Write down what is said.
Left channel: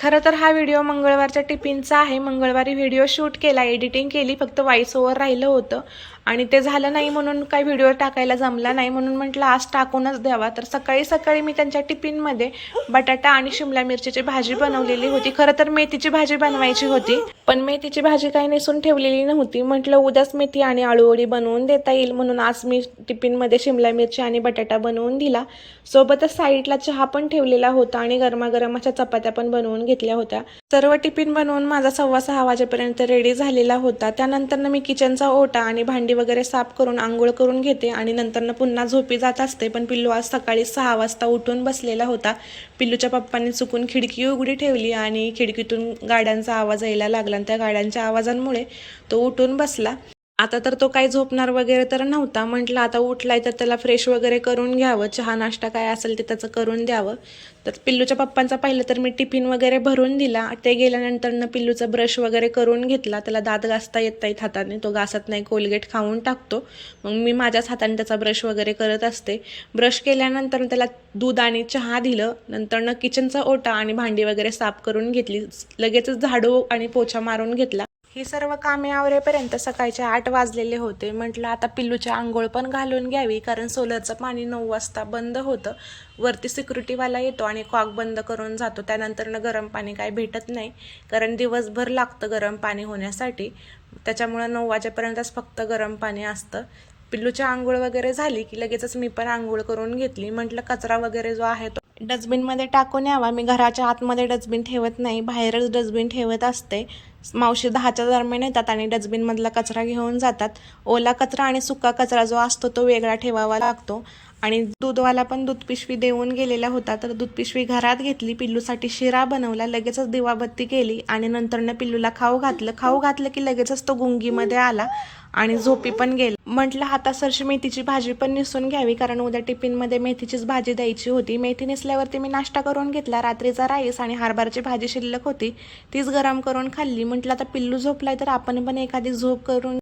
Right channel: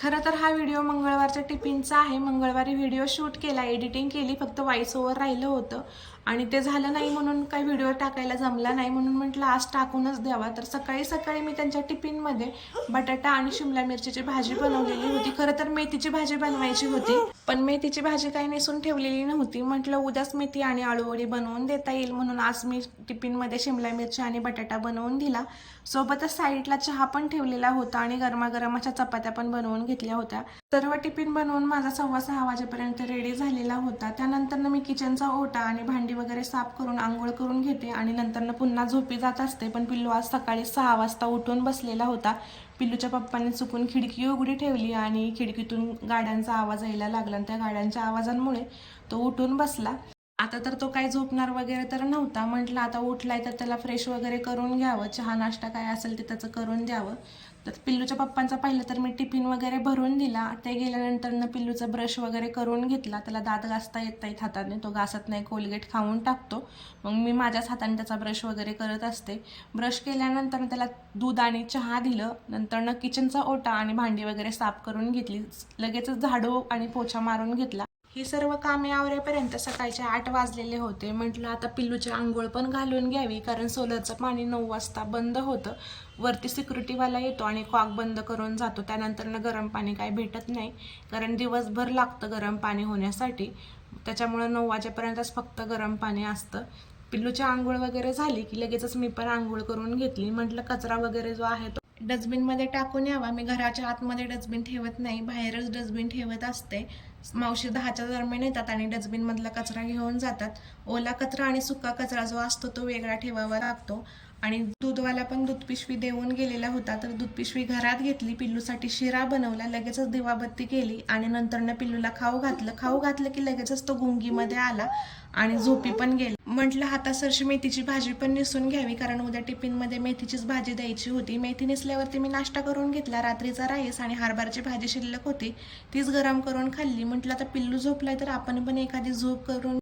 खरं तर हा व्हिडिओ मंगळवारच्या टिफिनचा आहे. मंगळवारी व्हिडिओ शूट केला, एडिटिंग केली, फक्त व्हॉइस ओव्हर राहिलं होतं आणि ते झालं नाही म्हणून काही व्हिडिओ टाकायला जमला नाही, म्हणून म्हटलं आज टाकूनच द्यावा. तर सकाळी सकाळी मी त्यांच्या टिफिनमध्ये बटाटा आणि शिमला मिरचीची भाजी बनवलेली होती. खरं तर मेथीची भाजी बनवायची होती, पण मेथीची भाजी काही नेसून ठेवलेली नव्हती. म्हटलं उद्याच मेथी आणि आळूवडी बनवून देता येईल, म्हणून आज मी टिफिनमध्ये शिमला मिरची आणि बटाटा बनवून दिला. सोबतच साईडला चहा पण ठेवलेला होता आणि गरमागरम अशा चपात्या पण बनवून घेतल्या होत्या. सर्व टिफिन बनवून माझा 6:15 वाजेपर्यंत रेडी झालेला होता. त्यानंतर मी किचनचा ओटा आणि भांडी वगैरे साफ करून आंघोळ करून घेते आणि नंतर पुन्हा झोपी जात असते. पण पिल्लू आज सकाळी 6 वाजता उठून बसलेला होता. पिल्लूच्या पप्पांनी चुकून खिडकी उघडी ठेवली आणि खिडकीतून गाड्यांचा आवाज यायला लागला आणि त्या गाड्यांच्या आवाजांमुळे तो उठून बसला. आता तर तो काही झोपणार वगैरे तर नव्हता. म्हटलं आता उठलाय तर त्याला फ्रेश वगैरे करून घ्यावं, चहा नाश्ता काय असेल ते त्याचं करून द्यावं. तर पिल्लूच्या पप्पांचा पाहिलं तर मी टिफिन वगैरे भरून दिला. ते गेल्यानंतर पिल्लूचा ब्रश वगैरे करून घेतला. त्याला दात घासता येत नाहीत हाताने, तो घासत नाही, कोलगेट खाऊन टाकतो. मग मी माझ्याच हाताने त्याचा ब्रश वगैरे करत असते. ब्रश केल्यानंतर त्याला दूध आणि चहा दिलं. नंतर किचनचा ओटा आणि भांडी वगैरे साफ करून घेतली. लगेचच झाडू आणि पोछा मारून घेतला. ही सर्व कामे आवरेपर्यंत सकाळचे 8 वाजलेले होते. म्हटलं आता पिल्लूची आंघोळ पण घालून घ्यावी, कारण सोलरचं पाणी 9 वाजता बंद होतं. वरती सिक्युरिटीवाला येतो आणि कॉक बंद करून जातो. त्यानंतर गरम पाणी काय भेटत नाही, कारण दिवसभर लागतं गरम पाणी होण्यासाठी. त्याच्यामुळं 9 वाजेपर्यंतच फक्त गरम पाणी असतं. पिल्लूची आंघोळ वगैरे झाली की लगेचच मी पण आंघोळ करून घेतली. म्हटलं कचरा वगैरे जो आहे तो डस्टबिनमध्ये टाकून यावा. मी घराच्या आतमध्ये डस्टबिन ठेवत नाही, बाहेरच डस्टबिन ठेवत असते. मावशी 10च्या दरम्यान येतात आणि डस्टबिनमधला कचरा घेऊन जातात. ओला कचरा आणि सुका कचरा जो असतो तो वेगळा ठेवावा लागतो. आणि दूधवाला पण दूध पिशवी देऊन गेलेला होता, तर दूध पिशवी घरात घेतली. पिल्लूसाठी शिरा बनवला, लगेचच दिवाबत्ती केली आणि नंतर पिल्लूला खाऊ घातलं की लगेचच तो गुंगीमध्ये आला आणि झोपी पण गेला. म्हटलं आता सरशी मेथीची भाजी पण निसून घ्यावी, कारण उद्या टिफिनमध्ये मेथीचीच भाजी द्यायची होती. मेथी नेसल्यावरती मी नाश्ता करून घेतला. रात्रीचा राईस आणि हरभऱ्याची भाजी शिल्लक होती, तीच गरम करून खाल्ली. म्हटलं आता पिल्लू झोपलाय तर आपण पण एखादी झोप करून